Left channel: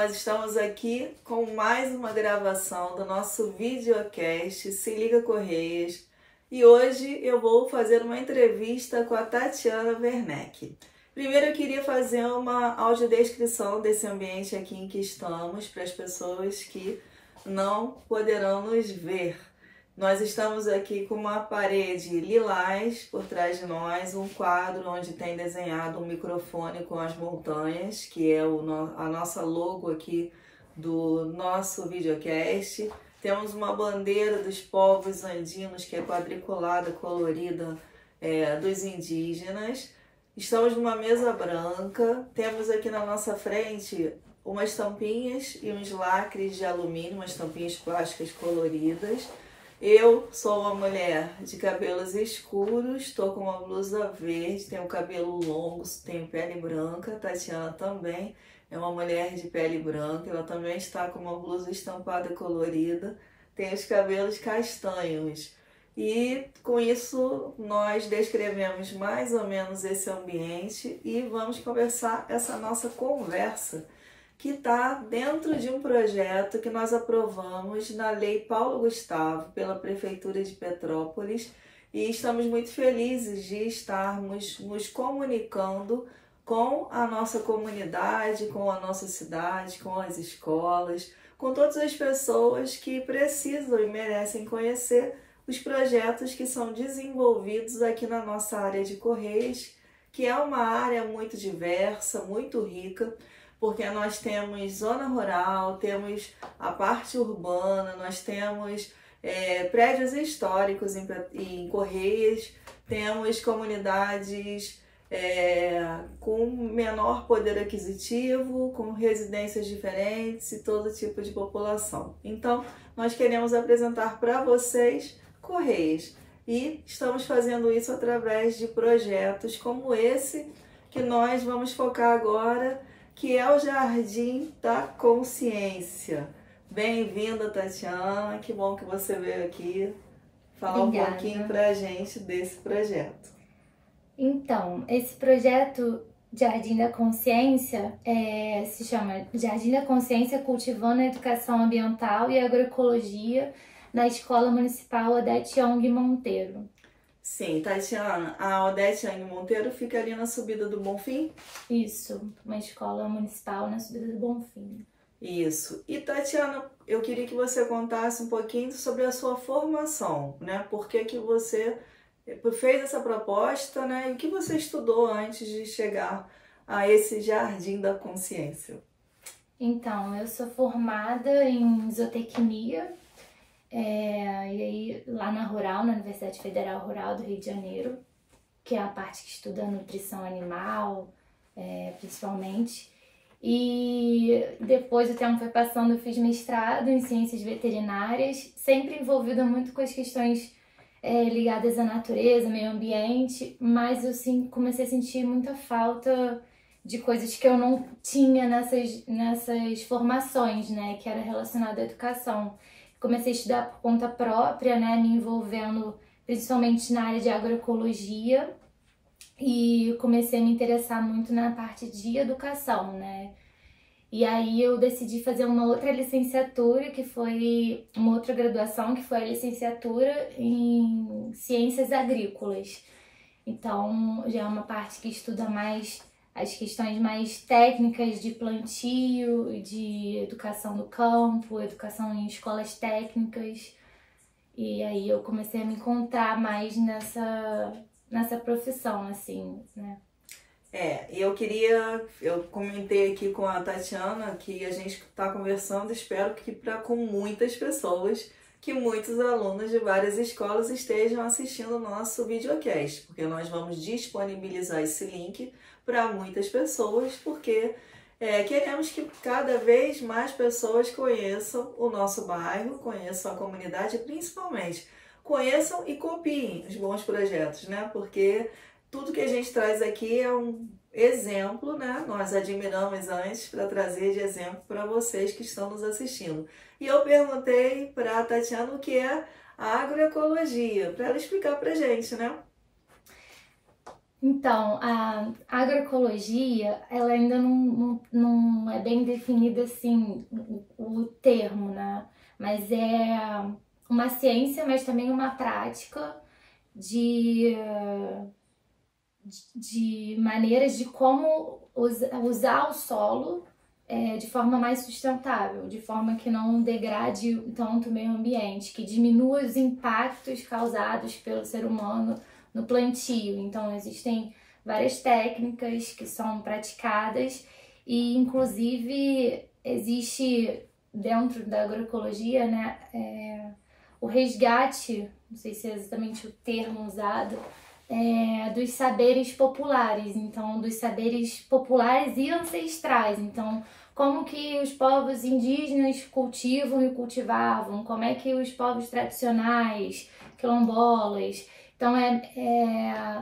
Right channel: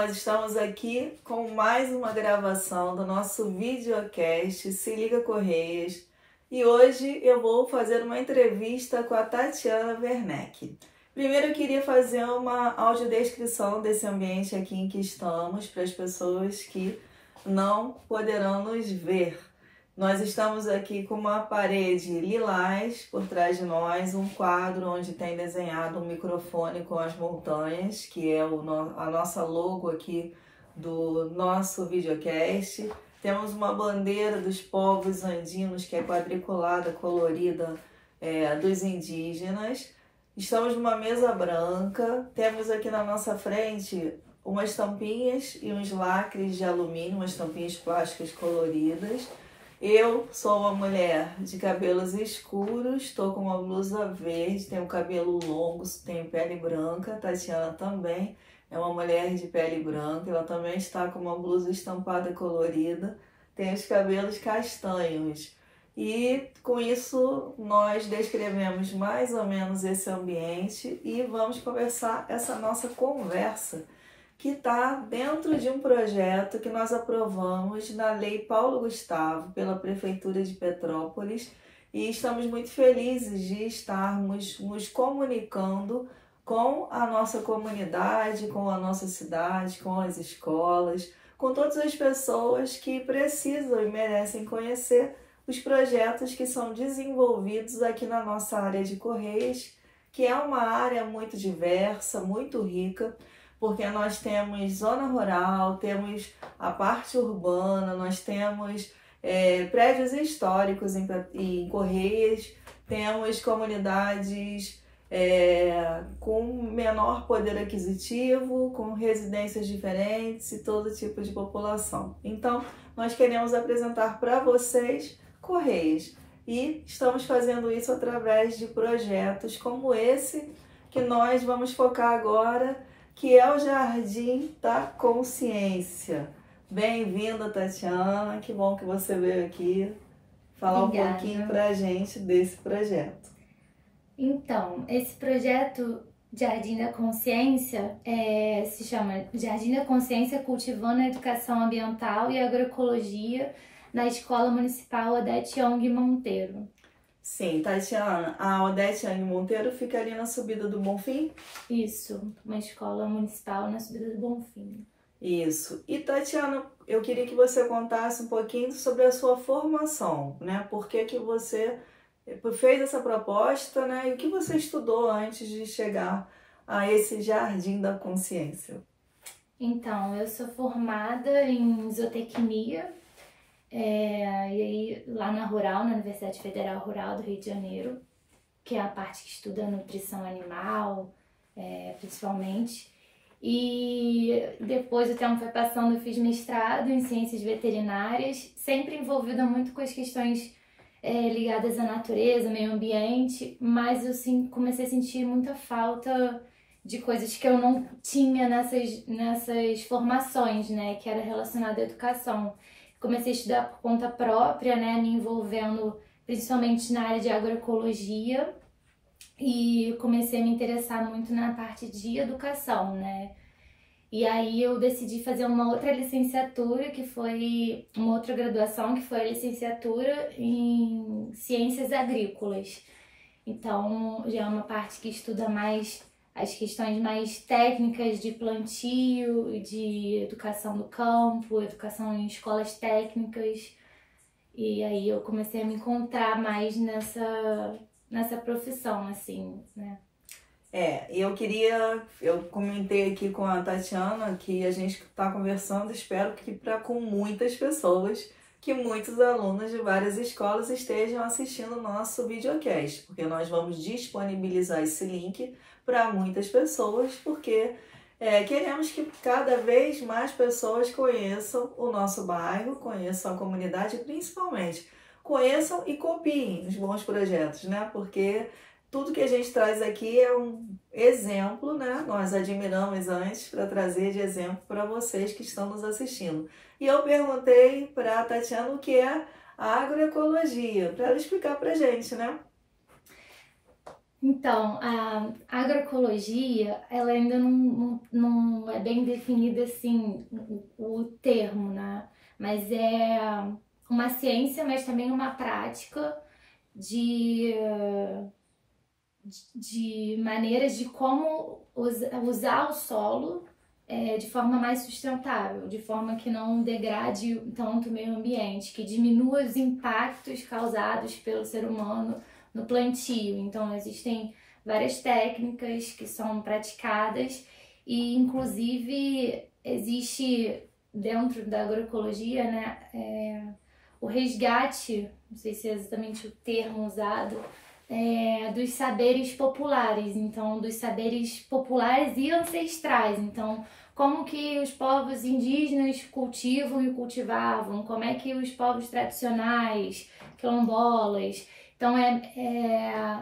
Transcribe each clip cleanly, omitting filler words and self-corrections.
nós estamos aqui com mais uma gravação do nosso videocast Se Liga Correias e hoje eu vou fazer uma entrevista com a Tatiana Werneck. Primeiro eu queria fazer uma audiodescrição desse ambiente aqui em que estamos para as pessoas que não poderão nos ver. Nós estamos aqui com uma parede lilás por trás de nós, um quadro onde tem desenhado um microfone com as montanhas, que é a nossa logo aqui do nosso videocast. Temos uma bandeira dos povos andinos, que é quadriculada, colorida, dos indígenas. Estamos numa mesa branca, temos aqui na nossa frente umas tampinhas e uns lacres de alumínio, umas tampinhas plásticas coloridas. Eu sou uma mulher de cabelos escuros, estou com uma blusa verde, tenho cabelo longo, tenho pele branca. Tatiana também é uma mulher de pele branca, ela também está com uma blusa estampada colorida, tem os cabelos castanhos. E com isso nós descrevemos mais ou menos esse ambiente e vamos conversar essa nossa conversa, que está dentro de um projeto que nós aprovamos na Lei Paulo Gustavo, pela Prefeitura de Petrópolis, e estamos muito felizes de estarmos nos comunicando com a nossa comunidade, com a nossa cidade, com as escolas, com todas as pessoas que precisam e merecem conhecer os projetos que são desenvolvidos aqui na nossa área de Correios, que é uma área muito diversa, muito rica, porque nós temos zona rural, temos a parte urbana, nós temos prédios históricos em Correios, temos comunidades com menor poder aquisitivo, com residências diferentes e todo tipo de população. Então, nós queremos apresentar para vocês Correios e estamos fazendo isso através de projetos como esse que nós vamos focar agora, que é o Jardim da Consciência. Bem-vinda, Tatiana, que bom que você veio aqui falar Obrigada. Um pouquinho para a gente desse projeto. Então, esse projeto Jardim da Consciência se chama Jardim da Consciência Cultivando a Educação Ambiental e Agroecologia na Escola Municipal Odete Young Monteiro. Sim, Tatiana, a Odete Young Monteiro fica ali na subida do Bonfim? Isso, uma escola municipal na subida do Bonfim. Isso. E Tatiana, eu queria que você contasse um pouquinho sobre a sua formação, né? Por que que você fez essa proposta, né? E o que você estudou antes de chegar a esse Jardim da Consciência? Então, eu sou formada em zootecnia, e aí lá na Rural, na Universidade Federal Rural do Rio de Janeiro, que é a parte que estuda nutrição animal, principalmente. E depois o tempo foi passando, eu fiz mestrado em ciências veterinárias, sempre envolvida muito com as questões ligadas à natureza, meio ambiente, mas eu comecei a sentir muita falta de coisas que eu não tinha nessas formações, né, que era relacionada à educação. Comecei a estudar por conta própria, né, me envolvendo principalmente na área de agroecologia e comecei a me interessar muito na parte de educação, né. E aí eu decidi fazer uma outra licenciatura, que foi uma outra graduação, que foi a licenciatura em Ciências Agrícolas. Então já é uma parte que estuda mais as questões mais técnicas de plantio, de educação do campo, educação em escolas técnicas. E aí eu comecei a me encontrar mais nessa profissão, assim, né? Eu comentei aqui com a Tatiana que a gente está conversando, espero que com muitas pessoas, que muitos alunos de várias escolas estejam assistindo o nosso videocast, porque nós vamos disponibilizar esse link para muitas pessoas, porque queremos que cada vez mais pessoas conheçam o nosso bairro, conheçam a comunidade, principalmente conheçam e copiem os bons projetos, né? Porque tudo que a gente traz aqui é um exemplo, né? Nós admiramos antes para trazer de exemplo para vocês que estão nos assistindo. E eu perguntei para a Tatiana o que é a agroecologia, para ela explicar para a gente, né? Então, a agroecologia, ela ainda não é bem definida assim, o termo, né? Mas é uma ciência, mas também uma prática de, de maneiras de como usar o solo de forma mais sustentável, de forma que não degrade tanto o meio ambiente, que diminua os impactos causados pelo ser humano no plantio. Então, existem várias técnicas que são praticadas e, inclusive, existe dentro da agroecologia, né, o resgate, não sei se é exatamente o termo usado, dos saberes populares, então, dos saberes populares e ancestrais. Então, como que os povos indígenas cultivam e cultivavam, como é que os povos tradicionais, quilombolas. Então,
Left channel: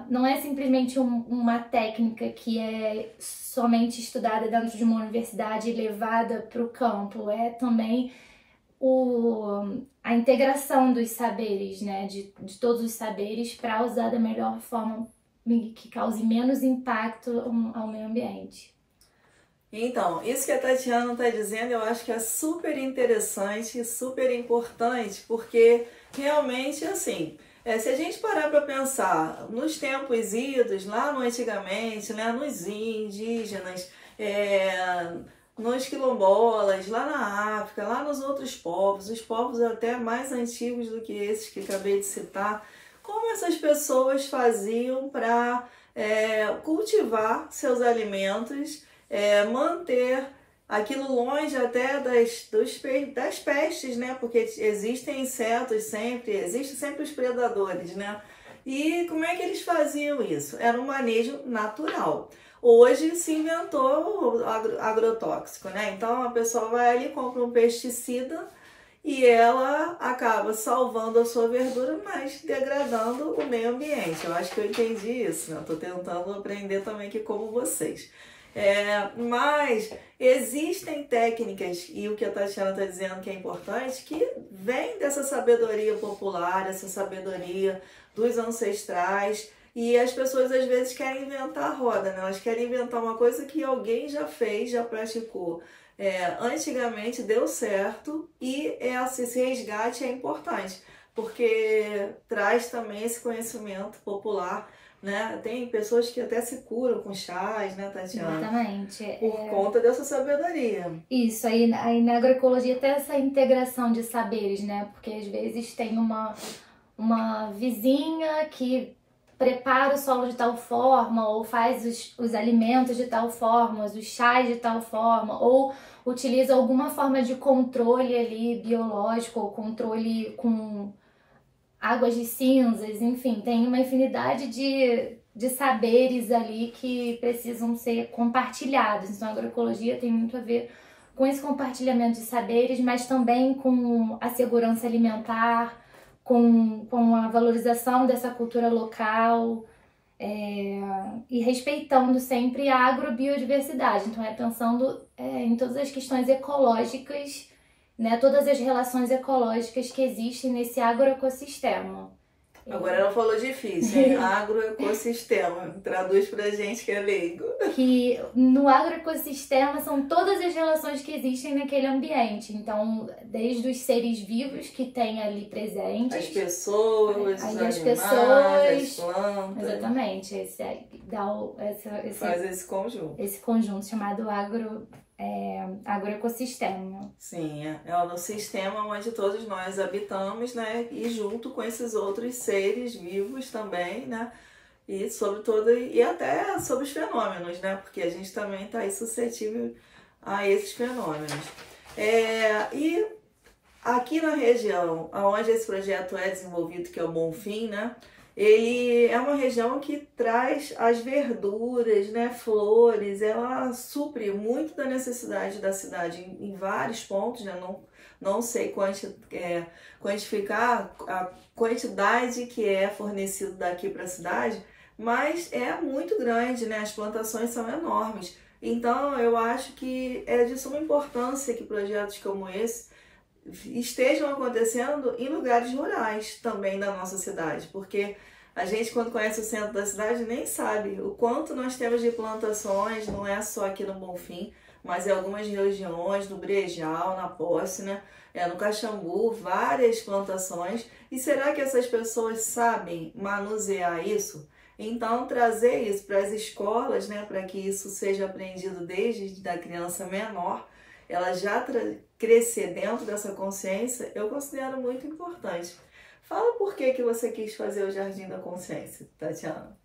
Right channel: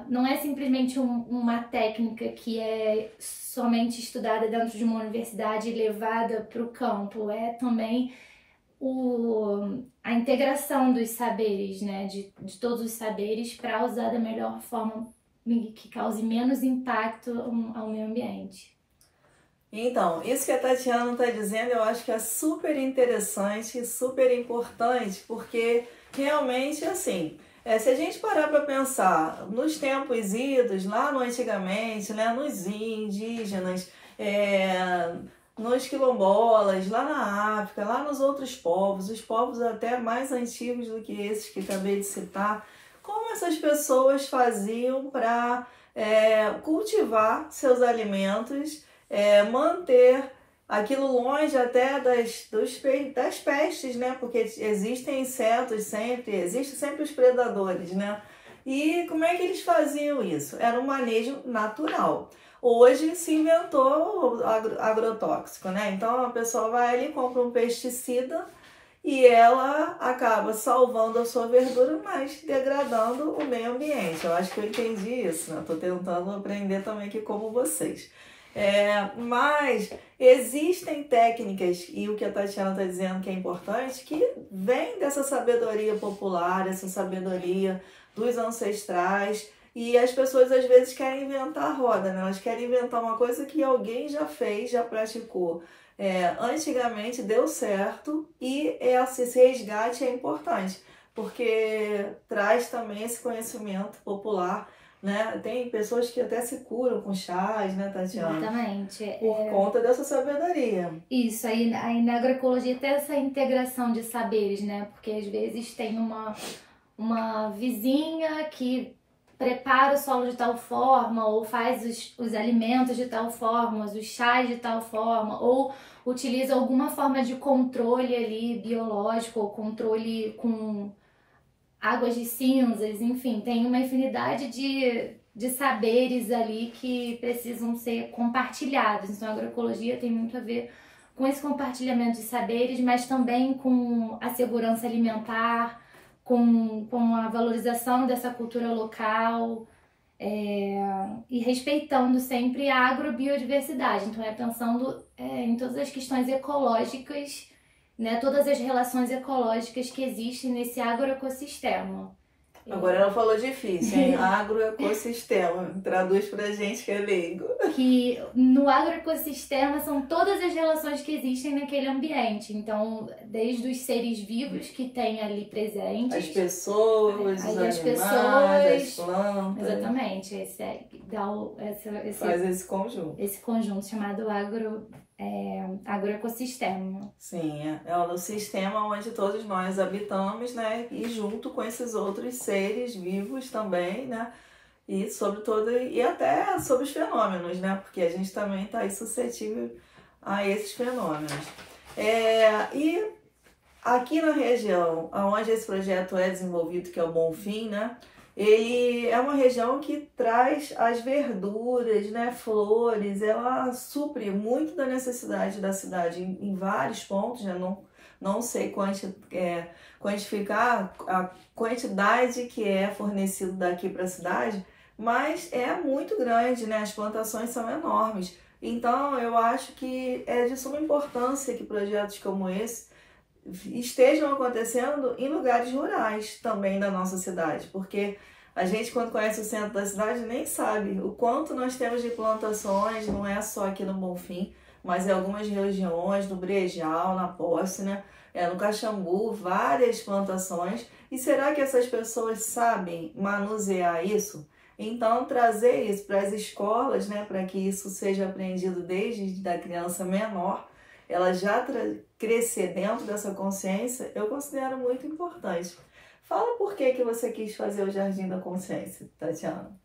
não é simplesmente uma técnica que é somente estudada dentro de uma universidade e levada para o campo, é também a integração dos saberes, né, de todos os saberes para usar da melhor forma que cause menos impacto ao meio ambiente. Então, isso que a Tatiana está dizendo, eu acho que é super interessante e super importante, porque realmente, assim, se a gente parar para pensar nos tempos idos, lá no antigamente, né, nos indígenas, nos quilombolas, lá na África, lá nos outros povos, os povos até mais antigos do que esses que acabei de citar, como essas pessoas faziam para cultivar seus alimentos, manter aquilo longe até das pestes, né? Porque existem insetos sempre, existem sempre os predadores, né? E como é que eles faziam isso? Era um manejo natural. Hoje se inventou o agrotóxico, né? Então a pessoa vai ali, compra um pesticida e ela acaba salvando a sua verdura, mas degradando o meio ambiente. Eu acho que eu entendi isso, né? Estou tentando aprender também aqui como vocês. Mas existem técnicas, e o que a Tatiana está dizendo que é importante, que vem dessa sabedoria popular, essa sabedoria dos ancestrais, e as pessoas às vezes querem inventar a roda, né? Elas querem inventar uma coisa que alguém já fez, já praticou. Antigamente deu certo, e esse resgate é importante, porque traz também esse conhecimento popular, né? Tem pessoas que até se curam com chás, né, Tatiana? Exatamente. Por conta dessa sabedoria. Isso, aí na agroecologia tem essa integração de saberes, né? Porque às vezes tem uma vizinha que prepara o solo de tal forma, ou faz os alimentos de tal forma, os chás de tal forma, ou utiliza alguma forma de controle ali biológico, ou controle com águas de cinzas, enfim, tem uma infinidade de saberes ali que precisam ser compartilhados. Então, a agroecologia tem muito a ver com esse compartilhamento de saberes, mas também com a segurança alimentar, com a valorização dessa cultura local e respeitando sempre a agrobiodiversidade. Então, pensando em todas as questões ecológicas, né, todas as relações ecológicas que existem nesse agroecossistema. Agora ela falou difícil, hein? Agroecossistema. Traduz pra gente que é leigo. Que no agroecossistema são todas as relações que existem naquele ambiente. Então, desde os seres vivos que tem ali presentes. As pessoas, os animais, as plantas. Exatamente. Faz esse conjunto. Esse conjunto chamado agroecossistema. Sim, é o sistema onde todos nós habitamos, né? E junto com esses outros seres vivos também, né? E e até sobre os fenômenos, né? Porque a gente também está aí suscetível a esses fenômenos. E aqui na região onde esse projeto é desenvolvido, que é o Bonfim, né? Ele é uma região que traz as verduras, né, flores, ela supre muito da necessidade da cidade em vários pontos, né? Não sei quantificar a quantidade que é fornecido daqui para a cidade, mas é muito grande, né? As plantações são enormes. Então, eu acho que é de suma importância que projetos como esse estejam acontecendo em lugares rurais também da nossa cidade, porque A gente, quando conhece o centro da cidade, nem sabe o quanto nós temos de plantações, não é só aqui no Bonfim, mas em algumas regiões, no Brejal, na Posse, né? No Caxambu, várias plantações. E será que essas pessoas sabem manusear isso? Então, trazer isso para as escolas, né, para que isso seja aprendido desde a criança menor, ela já crescer dentro dessa consciência, eu considero muito importante. Fala por que você quis fazer o Jardim da Consciência, Tatiana.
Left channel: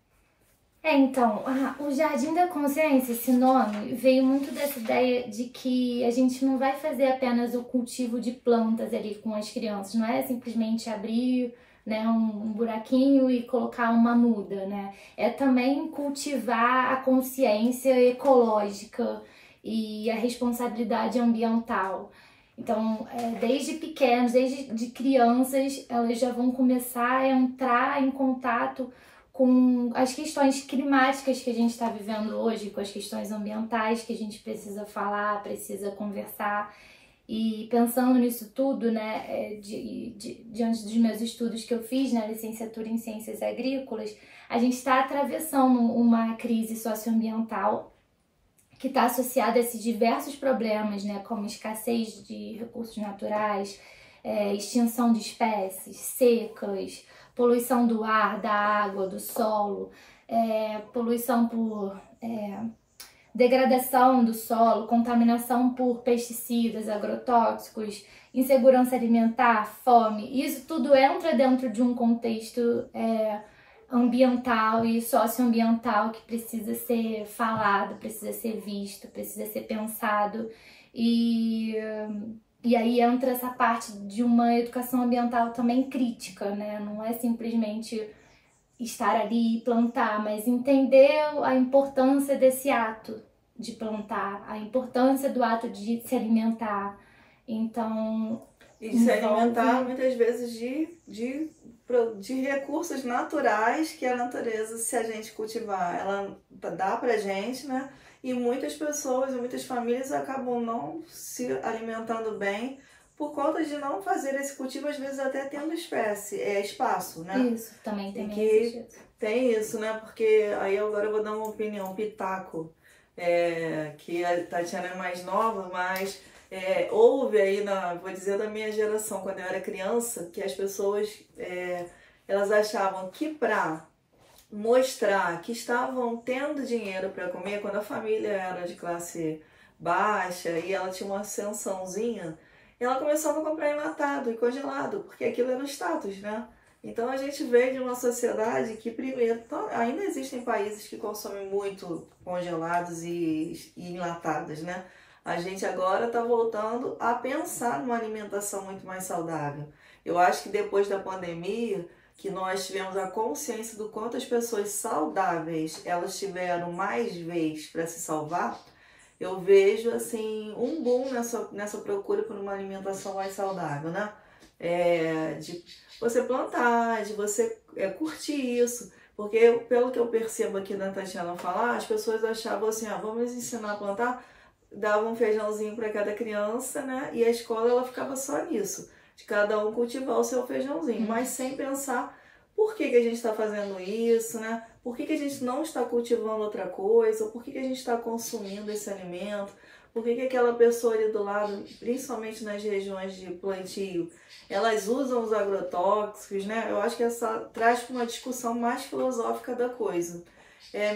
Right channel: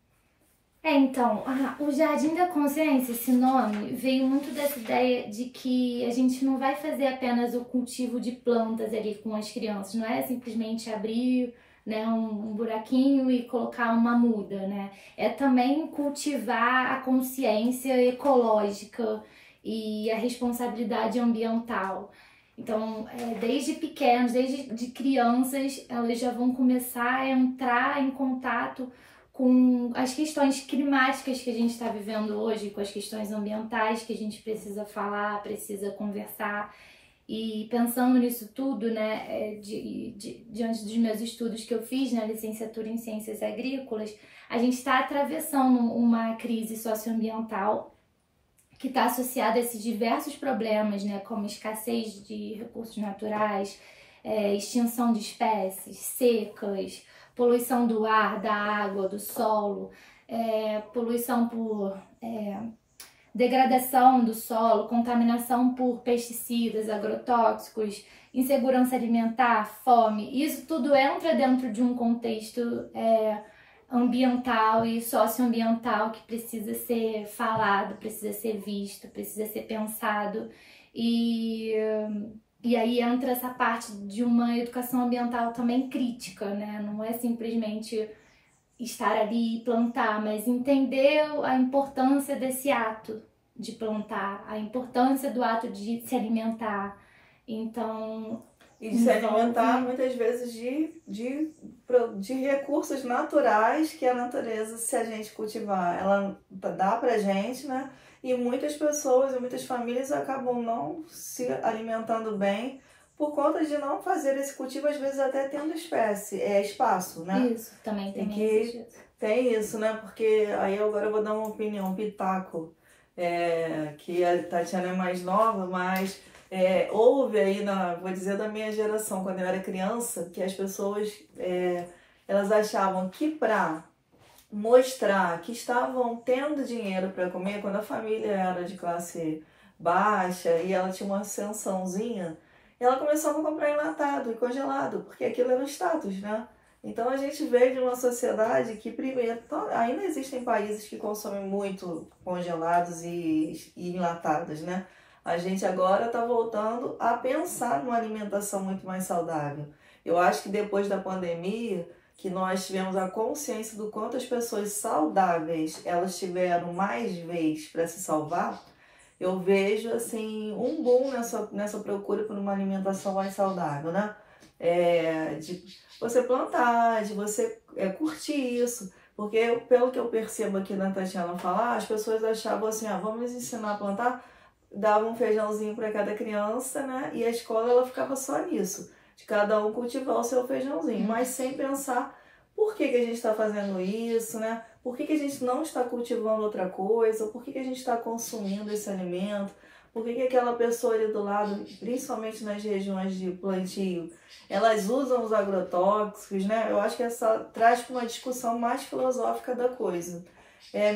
Então, o Jardim da Consciência, esse nome, veio muito dessa ideia de que a gente não vai fazer apenas o cultivo de plantas ali com as crianças, não é simplesmente abrir, né, um buraquinho e colocar uma muda, né? É também cultivar a consciência ecológica e a responsabilidade ambiental. Então, desde pequenos, desde de crianças, elas já vão começar a entrar em contato com as questões climáticas que a gente está vivendo hoje, com as questões ambientais que a gente precisa falar, precisa conversar. E pensando nisso tudo, né, diante dos meus estudos que eu fiz na licenciatura em Ciências Agrícolas, a gente está atravessando uma crise socioambiental que está associada a esses diversos problemas, né, como escassez de recursos naturais, extinção de espécies, secas, poluição do ar, da água, do solo, poluição por degradação do solo, contaminação por pesticidas, agrotóxicos, insegurança alimentar, fome. Isso tudo entra dentro de um contexto ambiental e socioambiental que precisa ser falado, precisa ser visto, precisa ser pensado. E aí entra essa parte de uma educação ambiental também crítica, né? Não é simplesmente estar ali e plantar, mas entender a importância desse ato de plantar, a importância do ato de se alimentar. Então... E de se alimentar muitas vezes de recursos naturais que a natureza, se a gente cultivar, ela dá pra gente, né? E muitas pessoas e muitas famílias acabam não se alimentando bem por conta de não fazer esse cultivo, às vezes até tendo espaço, né? Isso, também tem que tem isso, né? Porque aí agora eu vou dar uma opinião, um pitaco, que a Tatiana é mais nova, mas houve aí, vou dizer da minha geração, quando eu era criança, que as pessoas, elas achavam que para mostrar que estavam tendo dinheiro para comer, quando a família era de classe baixa e ela tinha uma ascensãozinha, ela começava a comprar enlatado e congelado, porque aquilo era o status, né? Então a gente veio de uma sociedade que primeiro, ainda existem países que consomem muito congelados e enlatados, né? A gente agora está voltando a pensar numa alimentação muito mais saudável. Eu acho que depois da pandemia, que nós tivemos a consciência do quanto as pessoas saudáveis elas tiveram mais vez para se salvar, eu vejo assim um boom nessa procura por uma alimentação mais saudável, né? De você plantar, de você curtir isso. Porque pelo que eu percebo aqui na Tatiana falar, as pessoas achavam assim, vamos ensinar a plantar, dava um feijãozinho para cada criança, né? E a escola ela ficava só nisso, de cada um cultivar o seu feijãozinho, mas sem pensar por que a gente está fazendo isso, né? Por que a gente não está cultivando outra coisa? Por que a gente está consumindo esse alimento? Por que aquela pessoa ali do lado, principalmente nas regiões de plantio, elas usam os agrotóxicos, né? Eu acho que essa traz para uma discussão mais filosófica da coisa.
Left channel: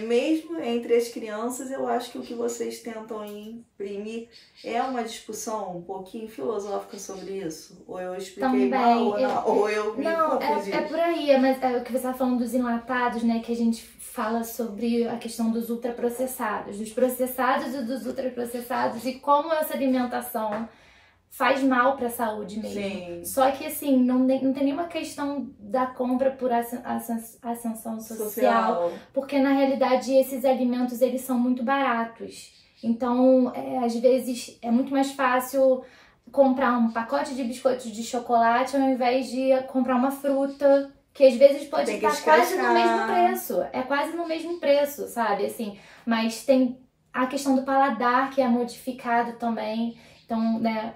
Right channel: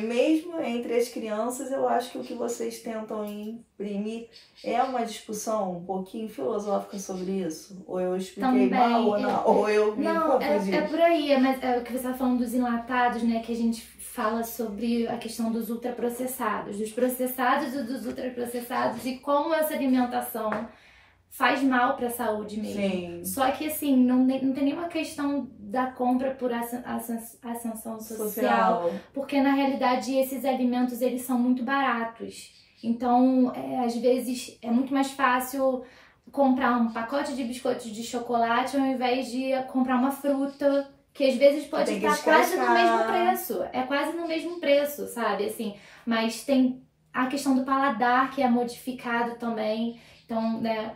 Mesmo entre as crianças, eu acho que o que vocês tentam imprimir é uma discussão um pouquinho filosófica sobre isso? Ou eu expliquei também, mal, ou eu me confundi? É por aí, mas o que você está falando dos enlatados, né, que a gente fala sobre a questão dos ultraprocessados, dos processados e dos ultraprocessados e como essa alimentação faz mal para a saúde mesmo. Sim. Só que assim, não tem nenhuma questão da compra por ascensão social, porque na realidade esses alimentos eles são muito baratos. Então, às vezes é muito mais fácil comprar um pacote de biscoitos de chocolate ao invés de comprar uma fruta, que às vezes pode estar quase no mesmo preço. É quase no mesmo preço, sabe? Assim, mas tem a questão do paladar que é modificado também. Então, né,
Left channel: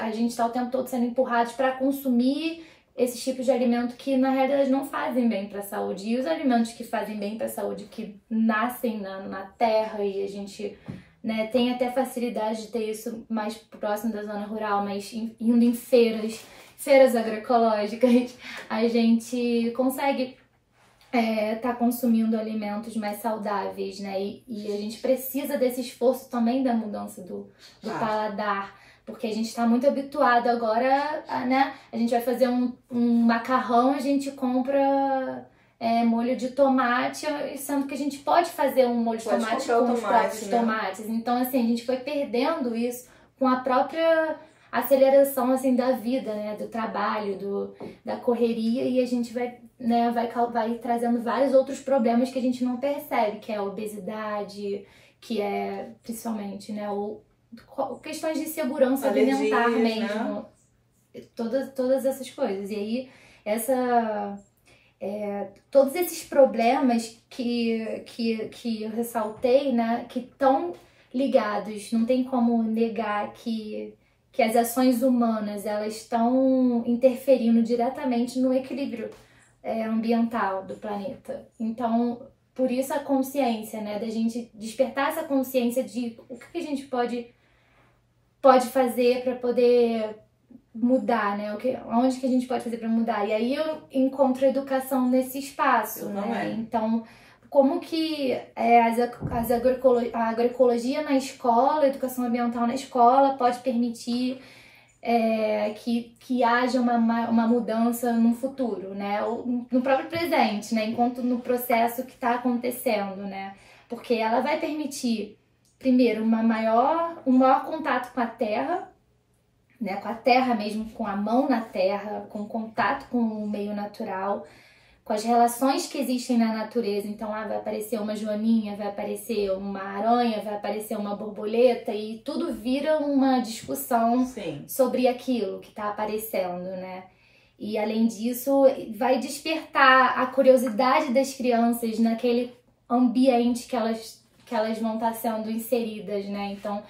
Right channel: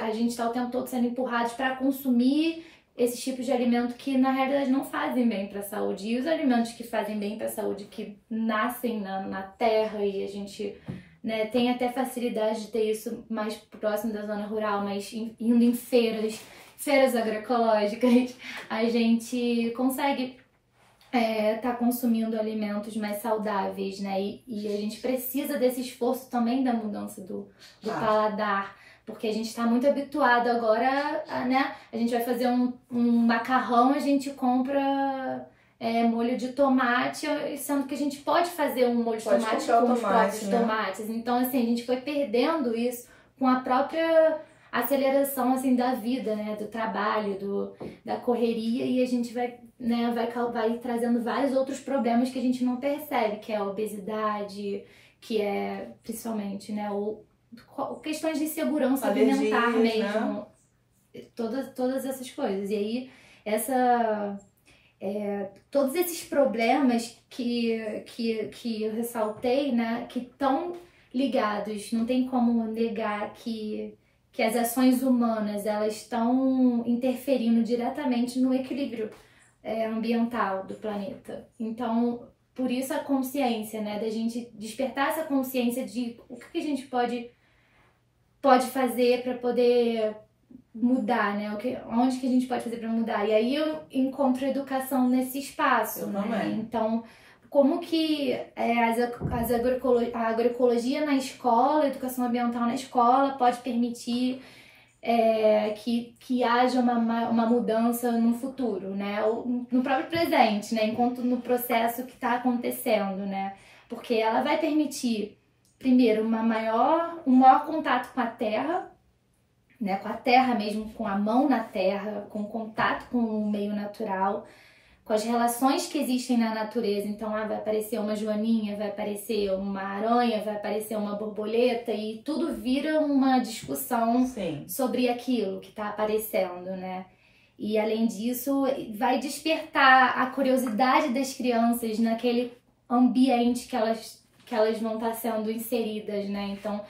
a gente está o tempo todo sendo empurrados para consumir esses tipos de alimento que na realidade não fazem bem para a saúde. E os alimentos que fazem bem para a saúde, que nascem na terra, e a gente, né, tem até facilidade de ter isso mais próximo da zona rural, mas indo em feiras agroecológicas, a gente consegue tá consumindo alimentos mais saudáveis, né? E a gente precisa desse esforço também da mudança do paladar, porque a gente está muito habituado agora, né? A gente vai fazer um macarrão, a gente compra molho de tomate, sendo que a gente pode fazer um molho de tomate com os próprios tomates. Então, assim, a gente foi perdendo isso com a própria aceleração, assim, da vida, né? Do trabalho, da correria, e a gente vai trazendo vários outros problemas que a gente não percebe, que é a obesidade, que é, principalmente, né? Questões de segurança alimentar mesmo, né? Todas essas coisas. E aí, todos esses problemas que eu ressaltei, né, que estão ligados, não tem como negar que as ações humanas, elas estão interferindo diretamente no equilíbrio ambiental do planeta. Então, por isso a consciência, né, da gente despertar essa consciência de o que a gente pode fazer para poder mudar, né? Onde que a gente pode fazer para mudar? E aí eu encontro a educação nesse espaço, né? Então, como que a agroecologia na escola, a educação ambiental na escola pode permitir que haja uma mudança no futuro, né? Ou no próprio presente, né? Enquanto no processo que está acontecendo, né? Porque ela vai permitir, primeiro, um maior contato com a terra, né? Com a terra mesmo, com a mão na terra, com contato com o meio natural, com as relações que existem na natureza. Então, vai aparecer uma joaninha, vai aparecer uma aranha, vai aparecer uma borboleta, e tudo vira uma discussão sobre aquilo que está aparecendo, né? E, além disso, vai despertar a curiosidade das crianças naquele ambiente que elas vão estar sendo inseridas, né? Então,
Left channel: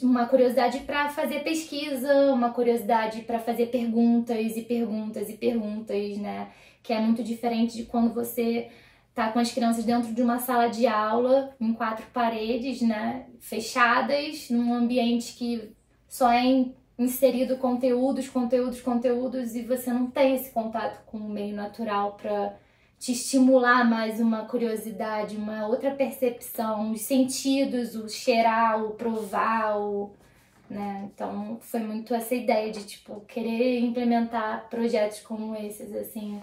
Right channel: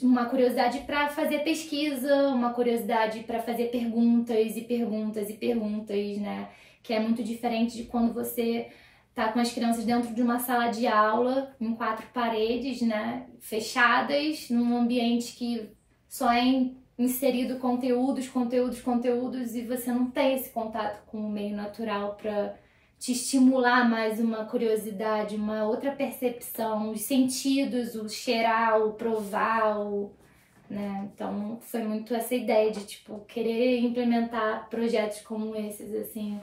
uma curiosidade para fazer pesquisa, uma curiosidade para fazer perguntas e perguntas e perguntas, né? Que é muito diferente de quando você tá com as crianças dentro de uma sala de aula, em 4 paredes, né, fechadas, num ambiente que só é inserido conteúdos, e você não tem esse contato com o meio natural para te estimular mais uma curiosidade, uma outra percepção, os sentidos, o cheirar, o provar, né? Então, foi muito essa ideia de, tipo, querer implementar projetos como esses, assim,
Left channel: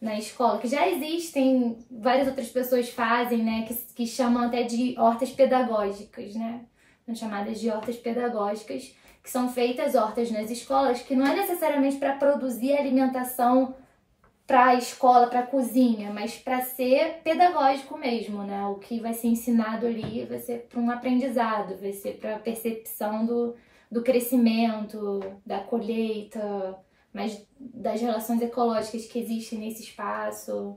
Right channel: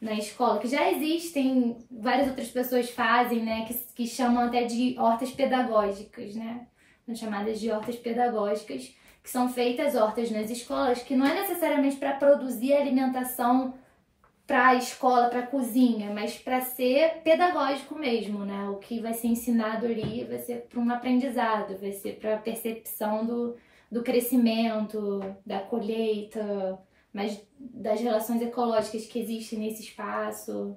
na escola, que já existem, várias outras pessoas fazem, né, que chamam até de hortas pedagógicas, né, são chamadas de hortas pedagógicas, que são feitas hortas nas escolas, que não é necessariamente para produzir alimentação para a escola, para a cozinha, mas para ser pedagógico mesmo, né, o que vai ser ensinado ali vai ser para um aprendizado, vai ser para a percepção do crescimento, da colheita, mas das relações ecológicas que existem nesse espaço.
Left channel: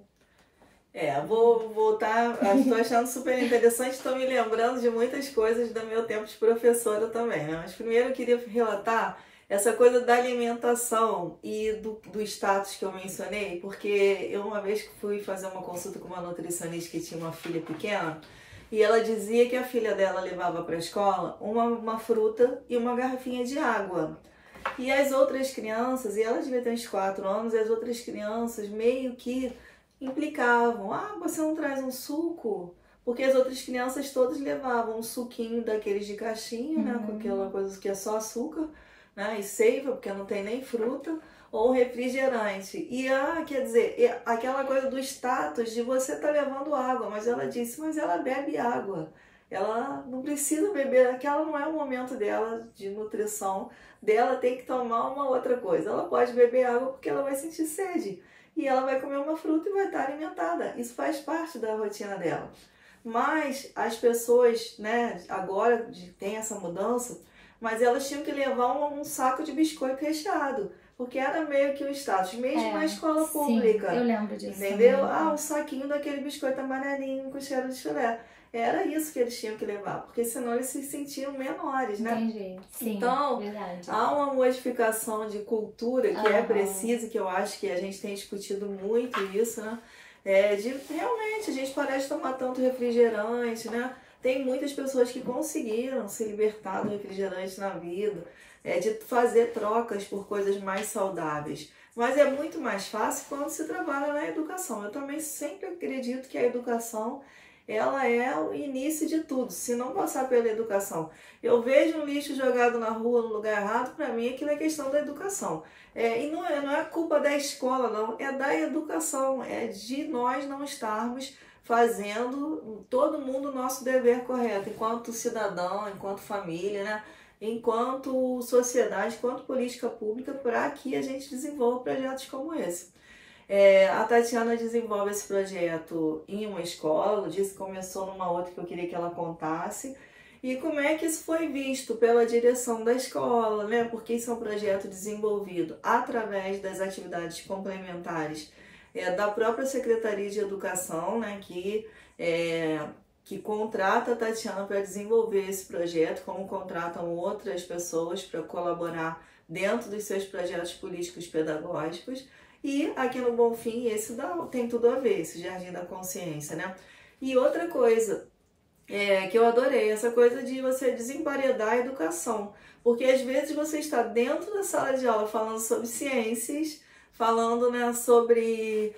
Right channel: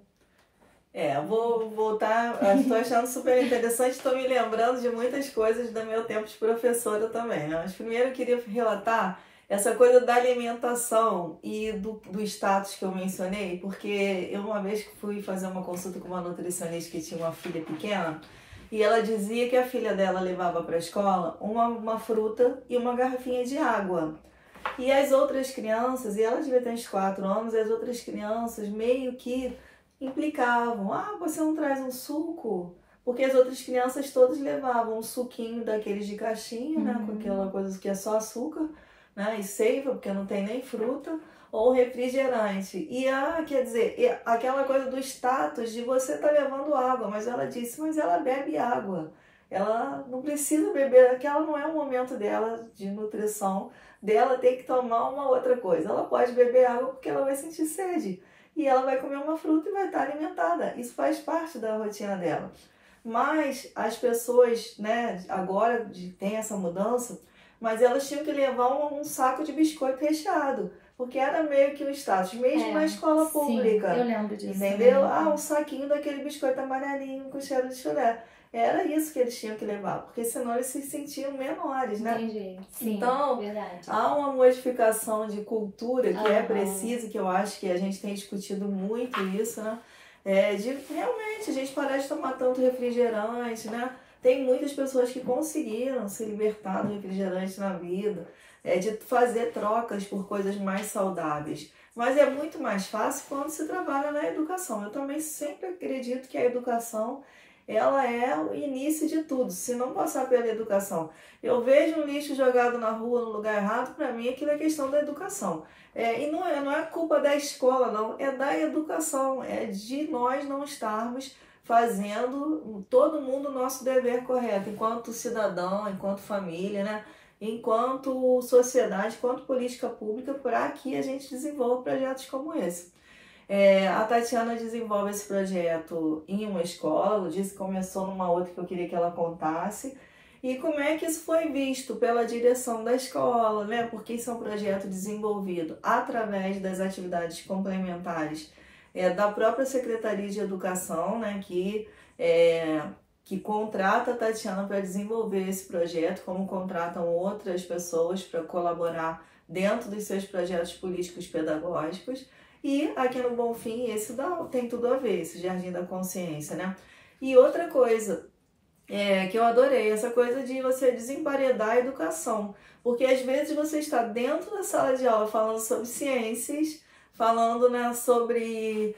Vou voltar, estou achando super interessante, estou me lembrando de muitas coisas do meu tempo de professora também, né? Mas primeiro eu queria relatar essa coisa da alimentação e do status que eu mencionei, porque eu uma vez fui fazer uma consulta com uma nutricionista que tinha uma filha pequena, e ela dizia que a filha dela levava para a escola uma fruta e uma garrafinha de água. E as outras crianças, e ela devia ter uns 4 anos, as outras crianças meio que implicavam: você não traz um suco? Porque as outras crianças todas levavam um suquinho daqueles de caixinha, né, com aquela coisa que é só açúcar, né, e seiva, porque não tem nem fruta, ou refrigerante. E, quer dizer, aquela coisa do status de você estar levando água, mas ela disse, mas ela bebe água. Ela não precisa beber, aquela não é o momento dela de nutrição, dela ter que tomar uma outra coisa. Ela pode beber água porque ela vai sentir sede. E ela vai comer uma fruta e vai estar alimentada. Isso faz parte da rotina dela. Mas as pessoas, né, agora tem essa mudança, mas elas tinham que levar um saco de biscoito recheado. Porque era meio que um status, mesmo na escola pública. Sim, eu lembro disso. Entendeu? Um saquinho daquele biscoito amarelinho com cheiro de chulé. era isso que eles tinham que levar, porque senão eles se sentiam menores, né? Entendi. Sim, então, verdade. há uma modificação de cultura que é precisa, que eu acho que a gente tem discutido muito isso, né? De realmente a gente parece de tomar tanto refrigerante, né? Tem muitas pessoas que conseguiram se libertar do refrigerante na vida, de fazer trocas por coisas mais saudáveis. Mas é muito mais fácil quando se trabalha na educação. Eu também sempre acredito que a educação, ela é o início de tudo, se não passar pela educação. Eu vejo um lixo jogado na rua no lugar errado, para mim aquilo é questão da educação. E não é culpa da escola, não, é da educação, é de nós não estarmos fazendo todo mundo o nosso dever correto, enquanto cidadão, enquanto família, né? Enquanto sociedade, enquanto política pública, para que a gente desenvolva projetos como esse. A Tatiana desenvolve esse projeto em uma escola, ela disse que começou numa outra que eu queria que ela contasse. E como é que isso foi visto pela direção da escola, né? Porque isso é um projeto desenvolvido através das atividades complementares da própria Secretaria de Educação, né? Que contrata a Tatiana para desenvolver esse projeto, como contratam outras pessoas para colaborar dentro dos seus projetos políticos pedagógicos. E aqui no Bonfim, esse tem tudo a ver, esse Jardim da Consciência, né? E outra coisa que eu adorei, essa coisa de você desemparedar a educação. Porque às vezes você está dentro da sala de aula falando sobre ciências, falando, né, sobre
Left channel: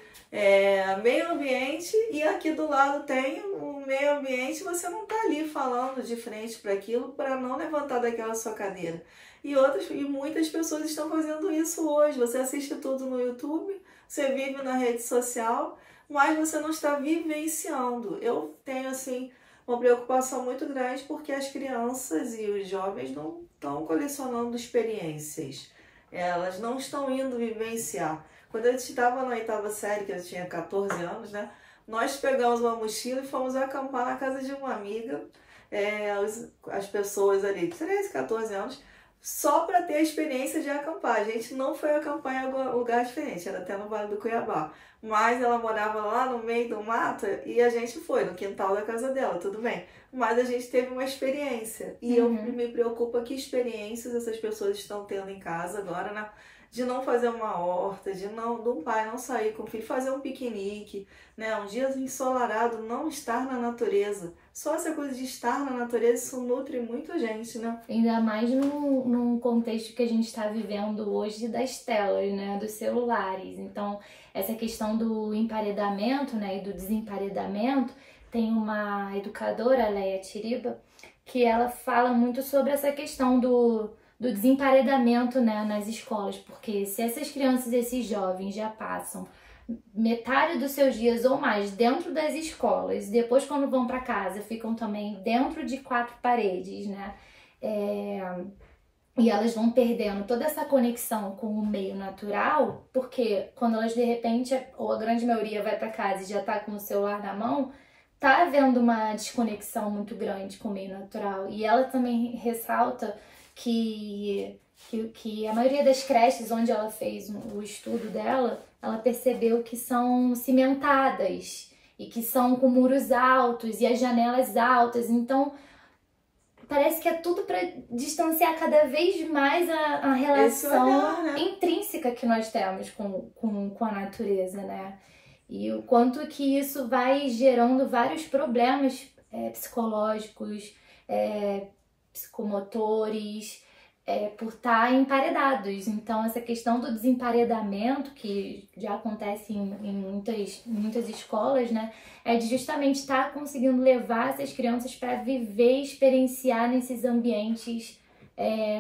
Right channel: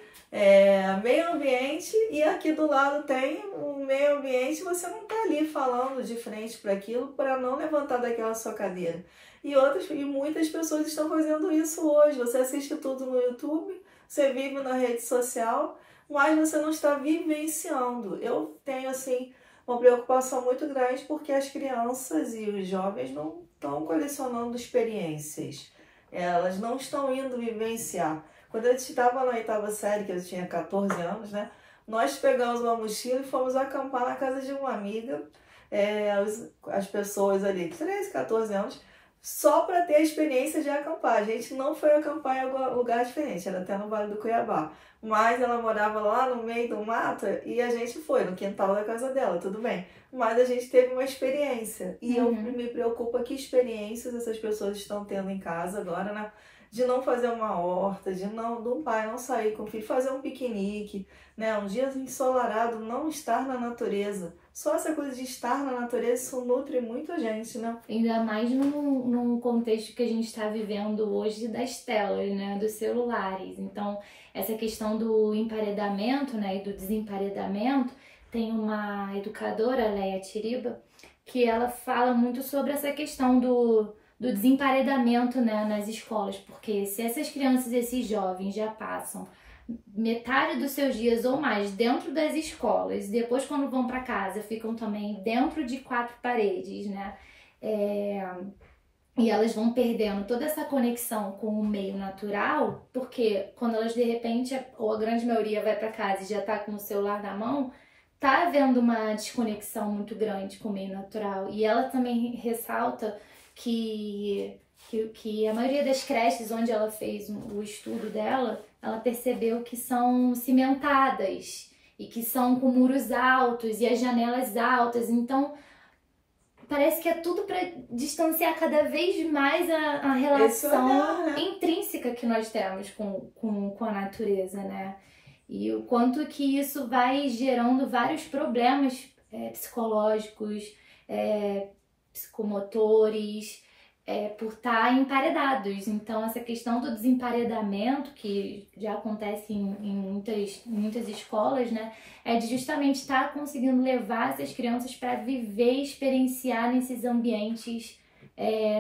meio ambiente, e aqui do lado tem o meio ambiente, você não está ali falando de frente para aquilo para não levantar daquela sua cadeira. E muitas pessoas estão fazendo isso hoje. Você assiste tudo no YouTube, você vive na rede social, mas você não está vivenciando. Eu tenho, assim, uma preocupação muito grande porque as crianças e os jovens não estão colecionando experiências. Elas não estão indo vivenciar. Quando eu estava na 8ª série, que eu tinha 14 anos, né? Nós pegamos uma mochila e fomos acampar na casa de uma amiga, as pessoas ali de 13, 14 anos, só para ter a experiência de acampar. A gente não foi acampar em algum lugar diferente, era até no Vale do Cuiabá. Mas ela morava lá no meio do mato e a gente foi no quintal da casa dela, tudo bem. Mas a gente teve uma experiência. E eu me preocupo que experiências essas pessoas estão tendo em casa agora, né? De não fazer uma horta, de um pai não sair com o filho, fazer um piquenique, né? Um dia ensolarado, não estar na natureza. Só essa coisa de estar na natureza, isso nutre muito a gente, né? Ainda mais num contexto que a gente está vivendo hoje das telas, né? Dos celulares. Então, essa questão do emparedamento, né? E do desemparedamento, tem uma educadora, Leia Tiriba, que ela fala muito sobre essa questão do desemparedamento, né, nas escolas, porque se essas crianças, esses jovens já passam metade dos seus dias ou mais dentro das escolas, e depois quando vão para casa ficam também dentro de 4 paredes, né, e elas vão perdendo toda essa conexão com o meio natural, porque quando elas de repente, ou a grande maioria vai para casa e já tá com o celular na mão, tá havendo uma desconexão muito grande com o meio natural. E ela também ressalta que a maioria das creches onde ela fez o estudo dela, ela percebeu que são cimentadas e que são com muros altos e as janelas altas. Então, parece que é tudo para distanciar cada vez mais a relação intrínseca que nós temos com a natureza, né? E o quanto que isso vai gerando vários problemas psicológicos, psicomotores, por estar emparedados. Então, essa questão do desemparedamento, que já acontece em muitas escolas, né, é de justamente estar conseguindo levar essas crianças para viver e experienciar nesses ambientes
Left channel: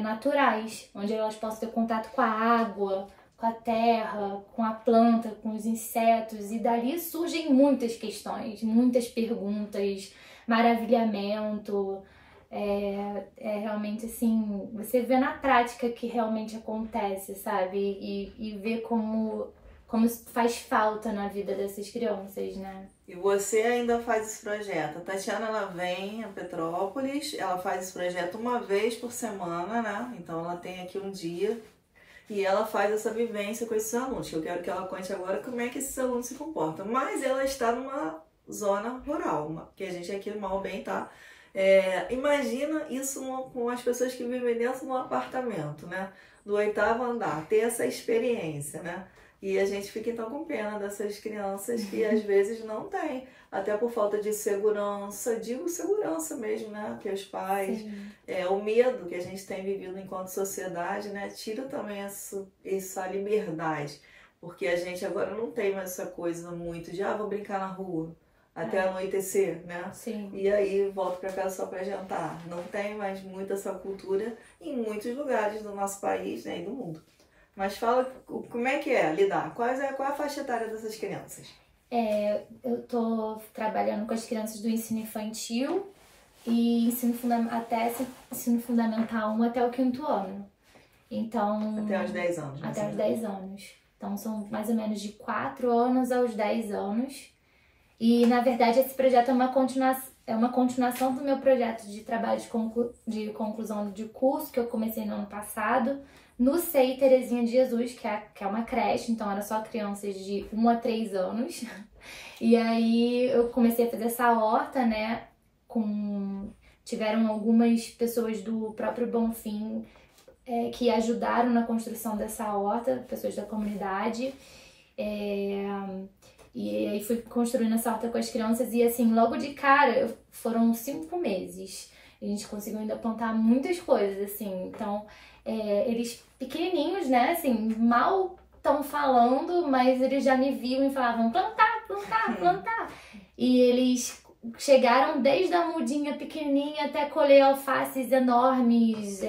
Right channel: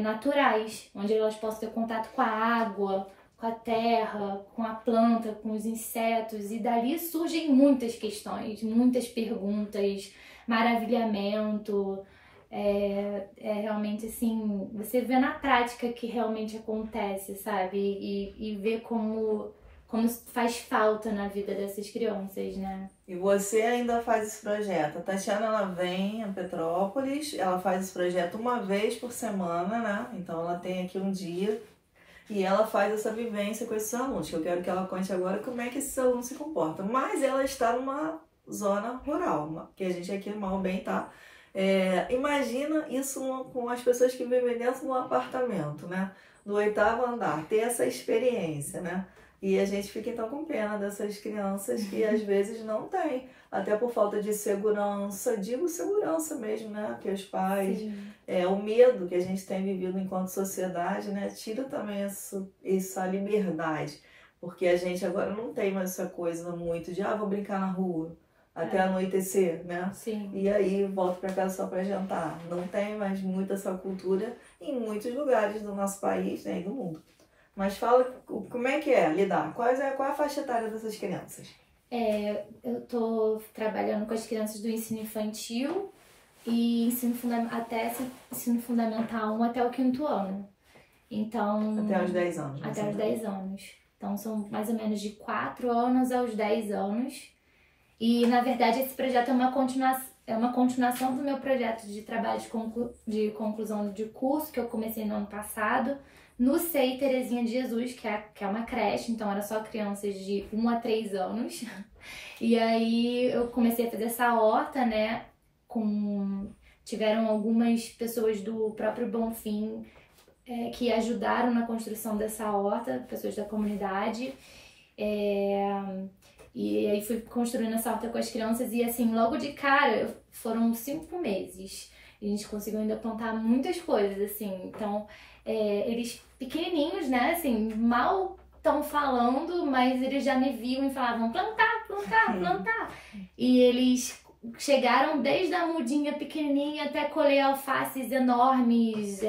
naturais, onde elas possam ter contato com a água, com a terra, com a planta, com os insetos, e dali surgem muitas questões, muitas perguntas, maravilhamento. Realmente assim, você vê na prática que realmente acontece, sabe? E vê como faz falta na vida dessas crianças, né? E você ainda faz esse projeto. A Tatiana, ela vem a Petrópolis, ela faz esse projeto uma vez por semana, né? Então ela tem aqui um dia e ela faz essa vivência com esses alunos. Eu quero que ela conte agora como é que esses alunos se comportam. Mas ela está zona rural, que a gente aqui mal bem tá. Imagina isso com as pessoas que vivem dentro de um apartamento, né? Do 8º andar, ter essa experiência, né? E a gente fica então com pena dessas crianças que às vezes não têm, até por falta de segurança, digo segurança mesmo, né? Que os pais, o medo que a gente tem vivido enquanto sociedade, né? Tira também essa liberdade, porque a gente agora não tem mais essa coisa muito de, vou brincar na rua até anoitecer, né? Sim. E aí volto para casa só para jantar. Não tem mais muito essa cultura em muitos lugares do nosso país, né? E do mundo. Mas fala como é que é lidar? Qual é a faixa etária dessas crianças? Eu tô trabalhando com as crianças do ensino infantil e até ensino fundamental 1 até o 5º ano. Então, até os 10 anos. Até os 10 anos. Então são mais ou menos de 4 anos aos 10 anos. E na verdade esse projeto é uma continuação do meu projeto de trabalho de conclusão de curso que eu comecei no ano passado. No SEI Terezinha de Jesus, que é uma creche, então era só crianças de 1 a 3 anos. E aí eu comecei a fazer essa horta, né? Tiveram algumas pessoas do próprio Bonfim que ajudaram na construção dessa horta, pessoas da comunidade. E aí fui construindo essa horta com as crianças e assim, logo de cara, foram 5 meses. E a gente conseguiu ainda plantar muitas coisas, assim, então... eles pequenininhos, né, assim, mal estão falando, mas eles já me viam e falavam plantar, plantar, plantar. E eles chegaram desde a mudinha pequenininha até colher alfaces enormes,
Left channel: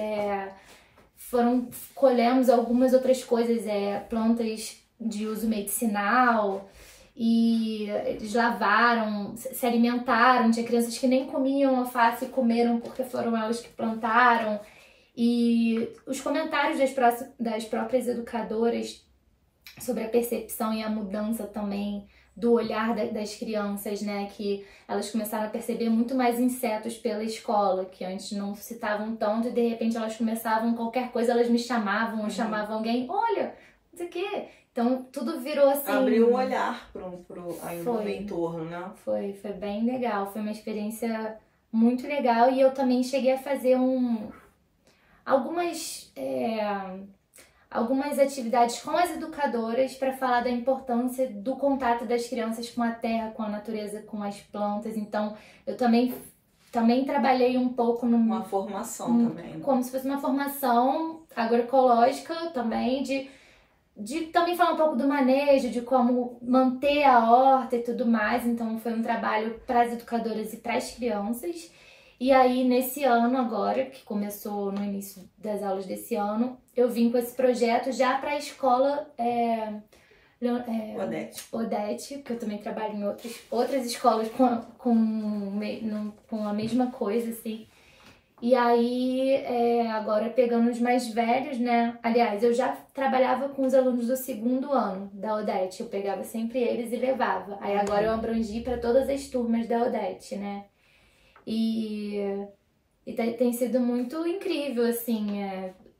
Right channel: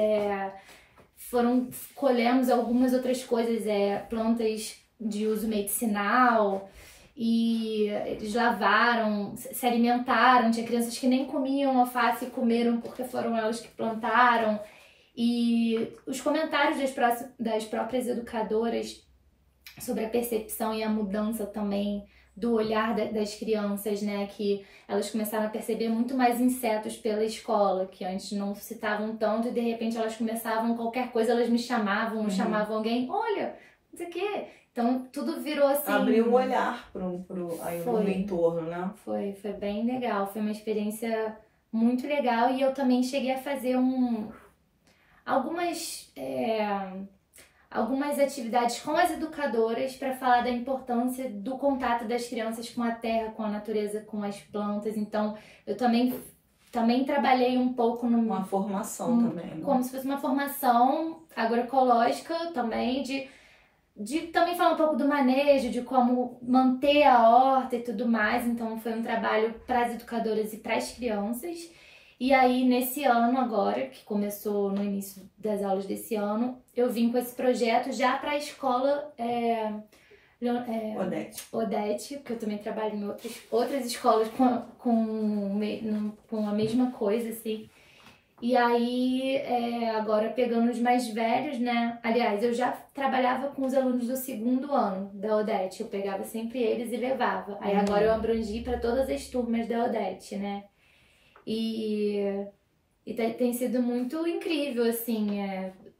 colhemos algumas outras coisas, plantas de uso medicinal, e eles lavaram, se alimentaram, tinha crianças que nem comiam alface e comeram porque foram elas que plantaram. E os comentários das próprias educadoras sobre a percepção e a mudança também do olhar das crianças, né? Que elas começaram a perceber muito mais insetos pela escola, que antes não citavam tanto e de repente elas começavam, qualquer coisa elas me chamavam, chamavam alguém, olha, não sei o quê. Então tudo virou assim... Abriu um olhar pro entorno, né? Foi bem legal, foi uma experiência muito legal e eu também cheguei a fazer algumas atividades com as educadoras para falar da importância do contato das crianças com a terra, com a natureza, com as plantas. Então, eu também trabalhei um pouco uma formação também, né? Como se fosse uma formação agroecológica também, de também falar um pouco do manejo, de como manter a horta e tudo mais. Então, foi um trabalho para as educadoras e para as crianças. E aí, nesse ano agora, que começou no início das aulas desse ano, eu vim com esse projeto já para a escola Odete, que eu também trabalho em outras escolas com a mesma coisa, assim. E aí, agora pegando os mais velhos, né? Aliás, eu já trabalhava com os alunos do 2º ano da Odete, eu pegava sempre eles e levava. Aí agora eu abrangi para todas as turmas da Odete, né? E tem sido muito incrível, assim,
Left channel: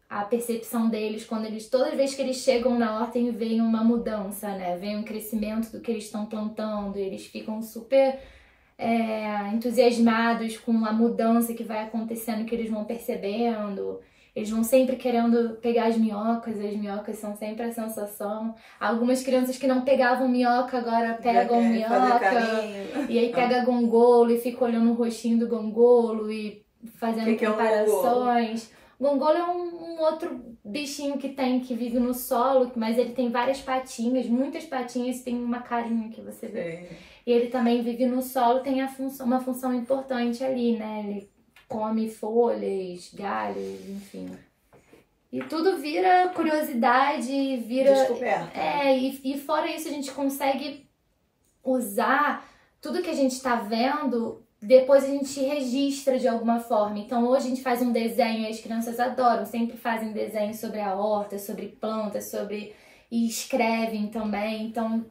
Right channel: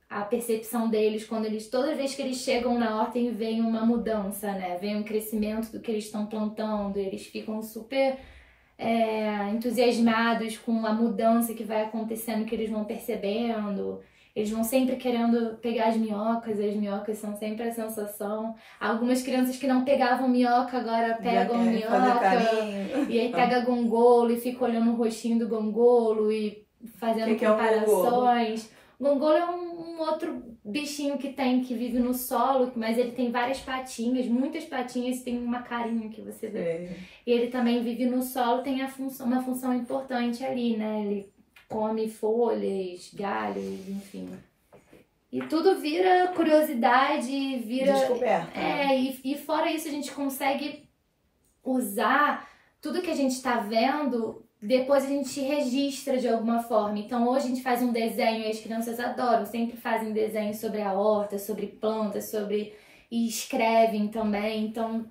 a percepção deles toda vez que eles chegam na horta e veem uma mudança, né? Vem um crescimento do que eles estão plantando, eles ficam super entusiasmados com a mudança que vai acontecendo, que eles vão percebendo. Eles vão sempre querendo pegar as minhocas são sempre a sensação. Algumas crianças que não pegavam minhoca agora pegam minhoca. E aí pega gongolo e fica olhando o rostinho do gongolo e fazendo comparações. Gongolo é um outro bichinho que vive no solo, mas ele tem várias patinhas, muitas patinhas, tem uma carinha que você vê. E ele também vive no solo, tem uma função importante ali, né? Ele come folhas, galhos, enfim. E tudo vira curiosidade, vira... descoberta. E fora isso a gente consegue usar tudo que a gente está vendo, depois a gente registra de alguma forma. Então hoje a gente faz um desenho, e as crianças adoram, sempre fazem desenho sobre a horta, sobre plantas, e escrevem também. Então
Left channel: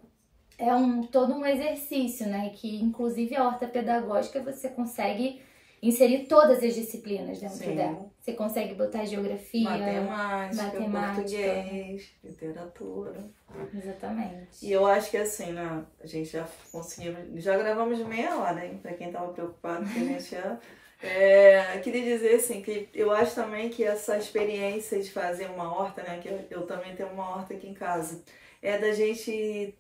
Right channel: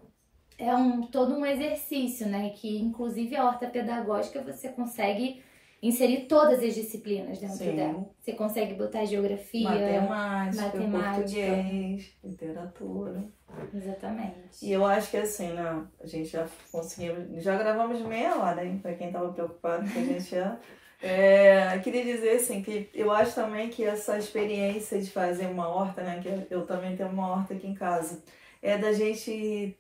é todo um exercício, né? Que inclusive a horta pedagógica você consegue inserir todas as disciplinas dentro Sim. dela. Você consegue botar geografia, Matemática, português, literatura. Exatamente. E eu acho que assim, né, a gente já gravamos meia hora, hein, pra quem tava preocupado que a gente ia. Queria dizer assim, que eu acho também que essa experiência de fazer uma horta, né, que eu também tenho uma horta aqui em casa, é da gente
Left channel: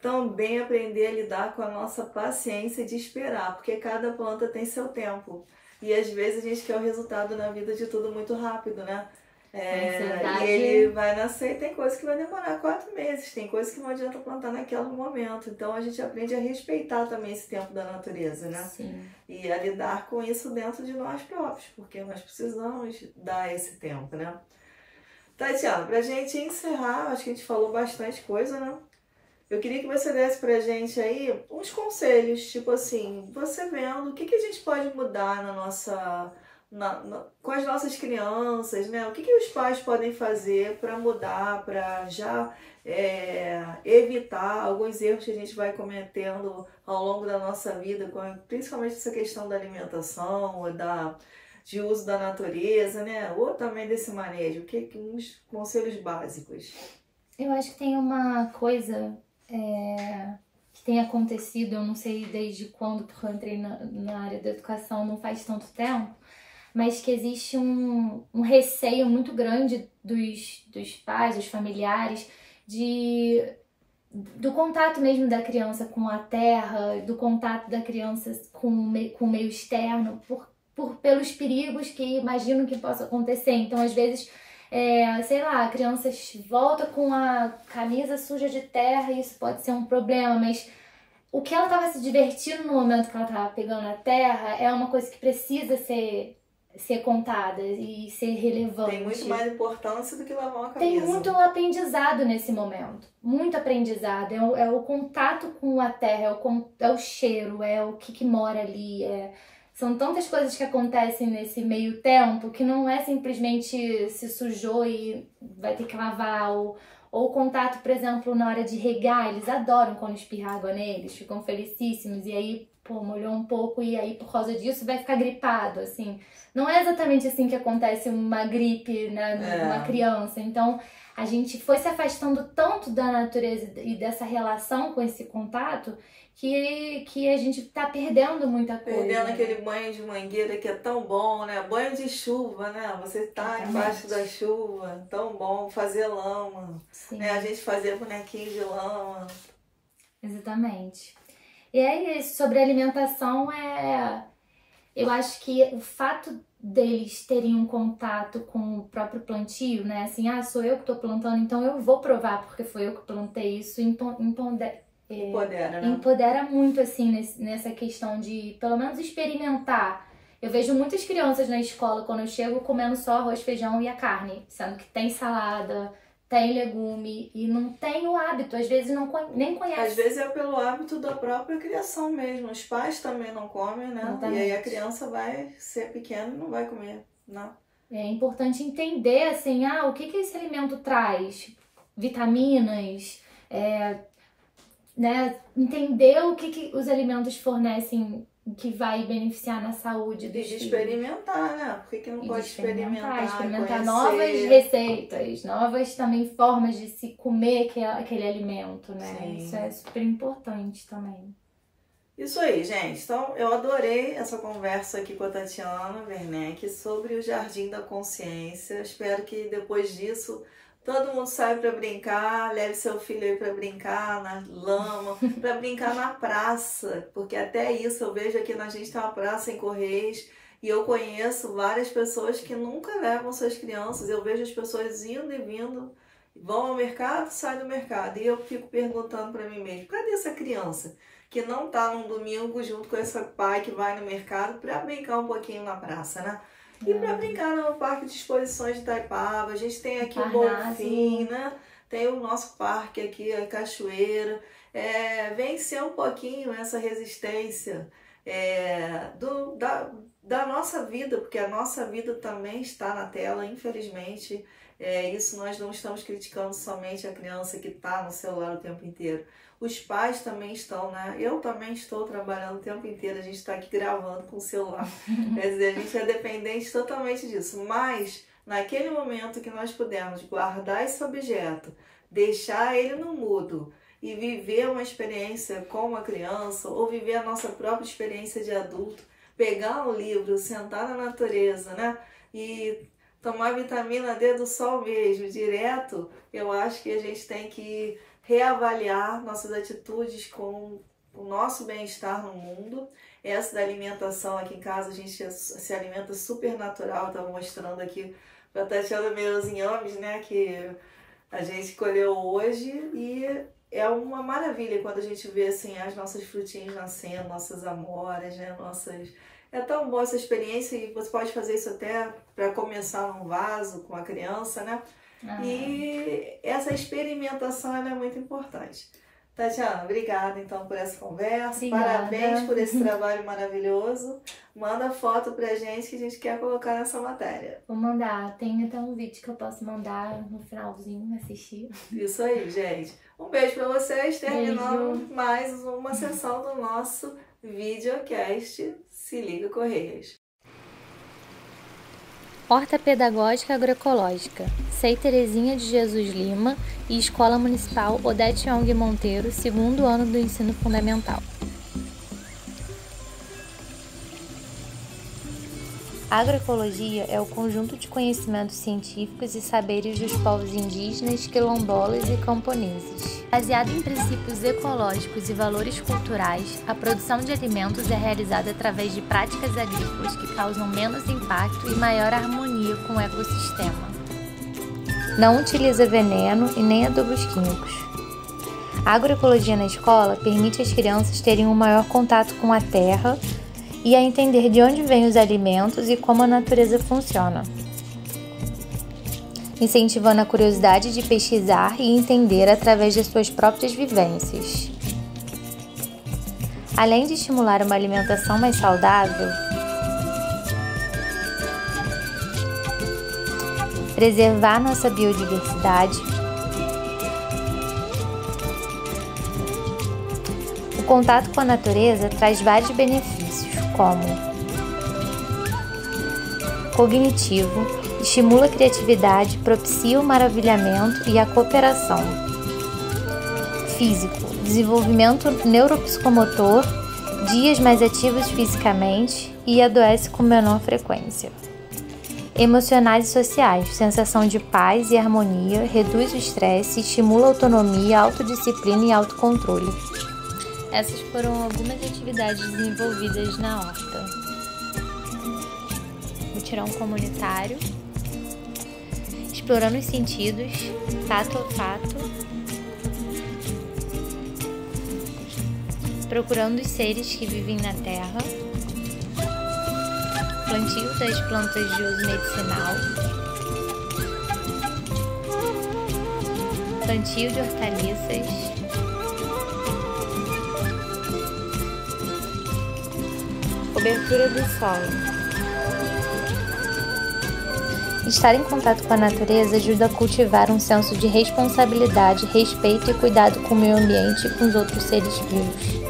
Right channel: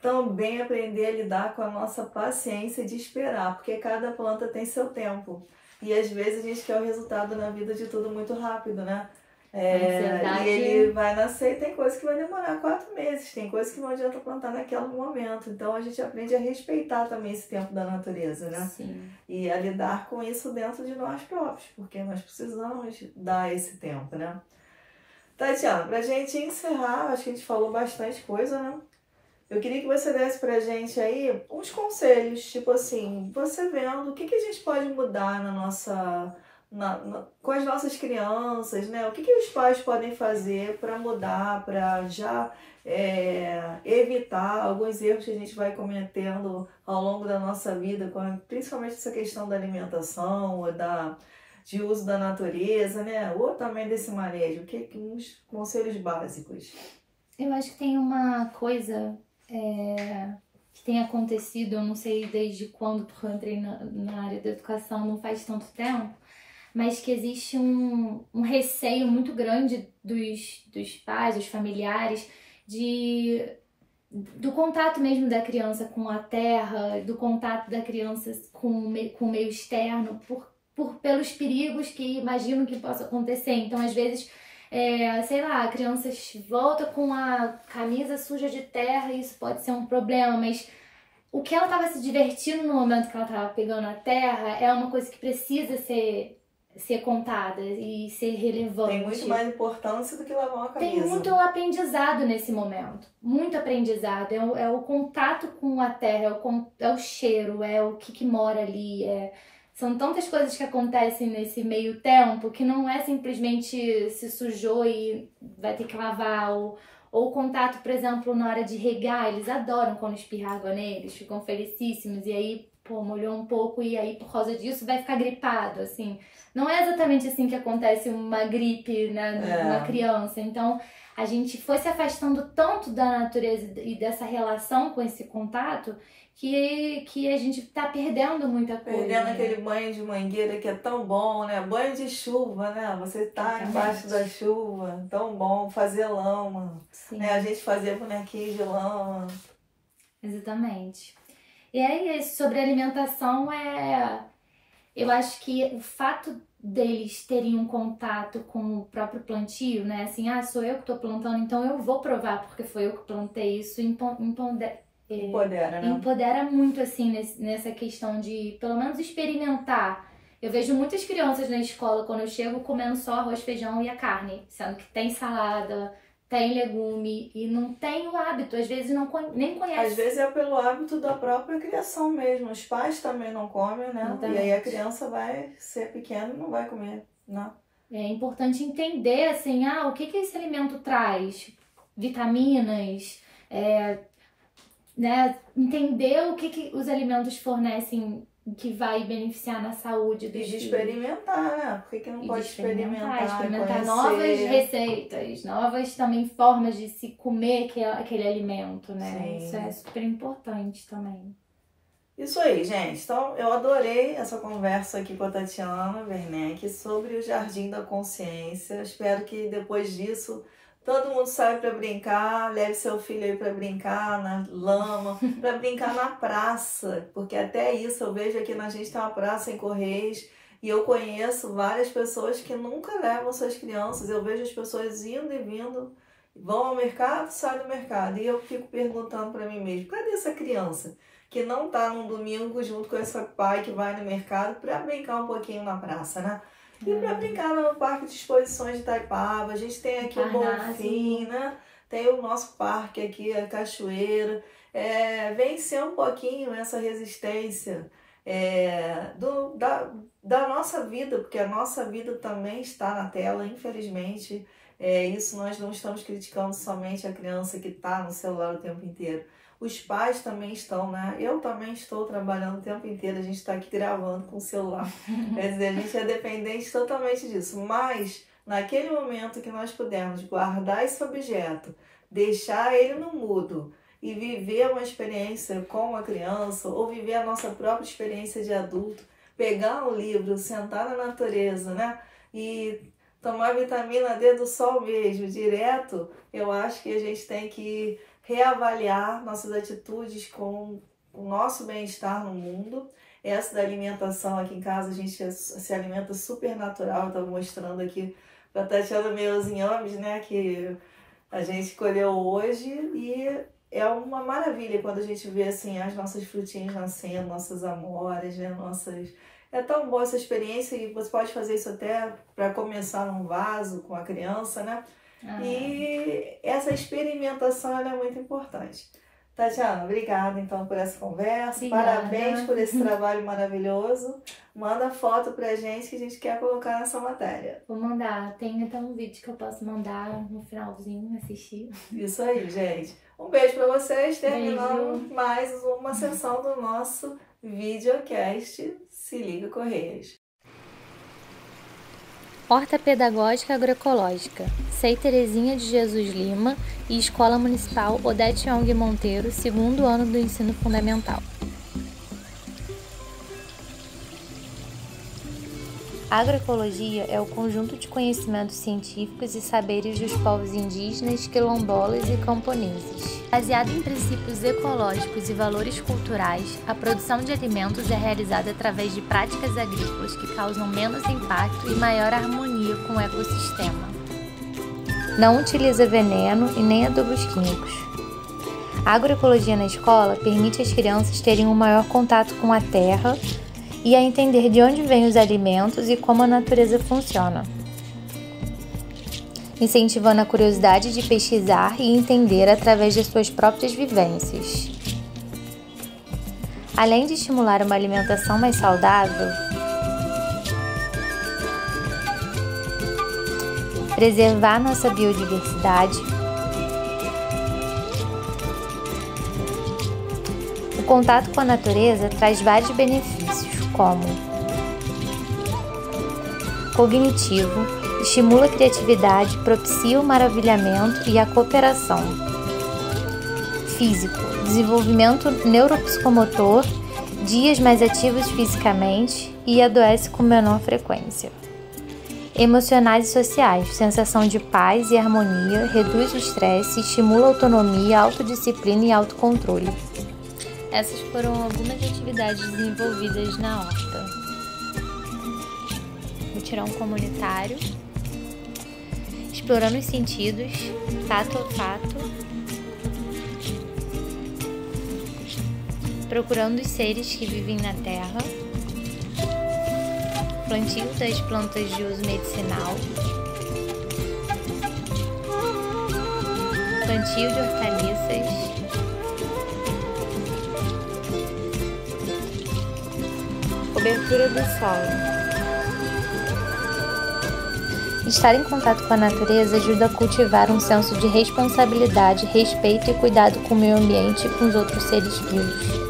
também aprender a lidar com a nossa paciência de esperar, porque cada planta tem seu tempo. E às vezes a gente quer o resultado na vida de tudo muito rápido, né? E ele vai nascer e tem coisa que vai demorar 4 meses, tem coisa que não adianta plantar naquele momento. Então a gente aprende a respeitar também esse tempo da natureza, né? Sim. E a lidar com isso dentro de nós próprios, porque nós precisamos dar esse tempo, né? Tatiana, pra gente encerrar, acho que a gente falou bastante coisa, né? Eu queria que você desse pra gente aí uns conselhos, tipo assim, você vendo o que a gente pode mudar na nossa, com as nossas crianças, né? O que os pais podem fazer para mudar, para já evitar alguns erros que a gente vai cometendo ao longo da nossa vida, principalmente essa questão da alimentação ou de uso da natureza, né? Ou também desse manejo. Uns conselhos básicos? Eu acho que tem uma coisa que tem acontecido, eu não sei desde quando, porque eu entrei na área da educação não faz tanto tempo, mas que existe um receio muito grande dos pais, dos familiares, do contato mesmo da criança com a terra, do contato da criança com o meio externo, pelos perigos que imaginam que possa acontecer. Então, às vezes, sei lá, a criança volta com a camisa suja de terra e isso pode ser um problema, mas o que ela estava se divertindo no momento que ela estava pegando a terra é uma coisa que precisa ser contada e ser relevante. Tem muito mais importância do que lavar uma camisa. Tem muito aprendizado nesse momento, muito aprendizado. É o contato com a terra, é o cheiro, é o que mora ali, são tantas coisas que acontecem nesse meio tempo que não é simplesmente se sujou e vai ter que lavar. Ou o contato, por exemplo, na hora de regar, eles adoram quando espirra água neles, ficam felicíssimos. E aí, molhou um pouco e aí por causa disso vai ficar gripado, assim. Não é exatamente assim que acontece uma gripe numa criança. Então, a gente foi se afastando tanto da natureza e dessa relação com esse contato que a gente tá perdendo muita coisa. Perdendo aquele banho de mangueira que é tão bom, né? Banho de chuva, né? Você tá embaixo da chuva, tão bom. Fazer lama, né? A gente fazia bonequinho de lama. Exatamente. E é isso, sobre alimentação, eu acho que o fato deles terem um contato com o próprio plantio, né? Assim, sou eu que tô plantando, então eu vou provar porque foi eu que plantei isso, empodera, né? Empodera muito, assim, nessa questão de, pelo menos, experimentar. Eu vejo muitas crianças na escola, quando eu chego, comendo só arroz, feijão e a carne, sendo que tem salada, tem legume e não tem o hábito, às vezes nem conhece. Às vezes é pelo hábito da própria criação mesmo. Os pais também não comem, né? Exatamente. E aí a criança vai ser pequena e não vai comer, né? É importante entender, assim, o que esse alimento traz? Vitaminas, né? Entender o que os alimentos fornecem que vai beneficiar na saúde dos filhos. E de experimentar, né? Por que não pode experimentar novas receitas, novas também formas de se comer aquele alimento, né? Sim. Isso é super importante também. Isso aí, gente. Então, eu adorei essa conversa aqui com a Tatiana Werneck sobre o Jardim da Consciência. Espero que depois disso todo mundo saia para brincar, leve seu filho aí para brincar na lama, para brincar na praça, porque até isso eu vejo aqui na gente tem uma praça em Correios e eu conheço várias pessoas que nunca levam suas crianças. Eu vejo as pessoas indo e vindo, vão ao mercado, saem do mercado e eu fico perguntando para mim mesmo, cadê essa criança que não tá num domingo junto com esse pai que vai no mercado para brincar um pouquinho na praça, né? E para brincar no Parque de Exposições de Itaipava, a gente tem aqui o Bonfim, né? Tem o nosso parque aqui, a Cachoeira. Vencer um pouquinho essa resistência da nossa vida, porque a nossa vida também está na tela, infelizmente. Isso nós não estamos criticando somente a criança que está no celular o tempo inteiro. Os pais também estão, né? Eu também estou trabalhando o tempo inteiro, a gente está aqui gravando com o celular. Quer dizer, a gente é dependente totalmente disso. Mas, naquele momento que nós pudermos guardar esse objeto, deixar ele no mudo e viver uma experiência com uma criança ou viver a nossa própria experiência de adulto, pegar um livro, sentar na natureza, né? E tomar vitamina D do sol mesmo, direto, eu acho que a gente tem que reavaliar nossas atitudes com o nosso bem-estar no mundo. Essa da alimentação aqui em casa, a gente se alimenta super natural. Eu tô mostrando aqui pra Tatiana meus inhames, né, que a gente colheu hoje, e é uma maravilha quando a gente vê assim as nossas frutinhas nascendo, nossas amoras, né, É tão boa essa experiência, e você pode fazer isso até para começar num vaso com a criança, né? E essa experimentação ela é muito importante. Tatiana, obrigada então por essa conversa. Obrigada. Parabéns por esse trabalho maravilhoso. Manda foto pra gente que a gente quer colocar nessa matéria. Vou mandar. Tem até um vídeo que eu posso mandar no finalzinho, assistir. Isso aí, gente. Um beijo pra vocês. Terminamos mais uma sessão do nosso videocast Se Liga Correias. Horta Pedagógica Agroecológica, SEI Terezinha de Jesus Lima e Escola Municipal Odete Young Monteiro, 2º ano do ensino fundamental. A agroecologia é o conjunto de conhecimentos científicos e saberes dos povos indígenas, quilombolas e camponeses. Baseado em princípios ecológicos e valores culturais, a produção de alimentos é realizada através de práticas agrícolas que causam menos impacto e maior harmonia com o ecossistema. Não utiliza veneno e nem adubos químicos. A agroecologia na escola permite às crianças terem um maior contato com a terra e a entender de onde vêm os alimentos e como a natureza funciona, incentivando a curiosidade de pesquisar e entender através de suas próprias vivências. Além de estimular uma alimentação mais saudável, preservar nossa biodiversidade, o contato com a natureza traz vários benefícios, como cognitivo, estimula a criatividade, propicia o maravilhamento e a cooperação. Físico, desenvolvimento neuropsicomotor, dias mais ativos fisicamente e adoece com menor frequência. Emocionais e sociais, sensação de paz e harmonia, reduz o estresse, estimula a autonomia, autodisciplina e autocontrole. Essas foram algumas atividades desenvolvidas na horta. Mutirão comunitário, explorando os sentidos, tato a olfato, procurando os seres que vivem na terra, plantio das plantas de uso medicinal, plantio de hortaliças, cobertura do solo. Estar em contato com a natureza ajuda a cultivar um senso de responsabilidade, respeito e cuidado com o meio ambiente e com os outros seres vivos.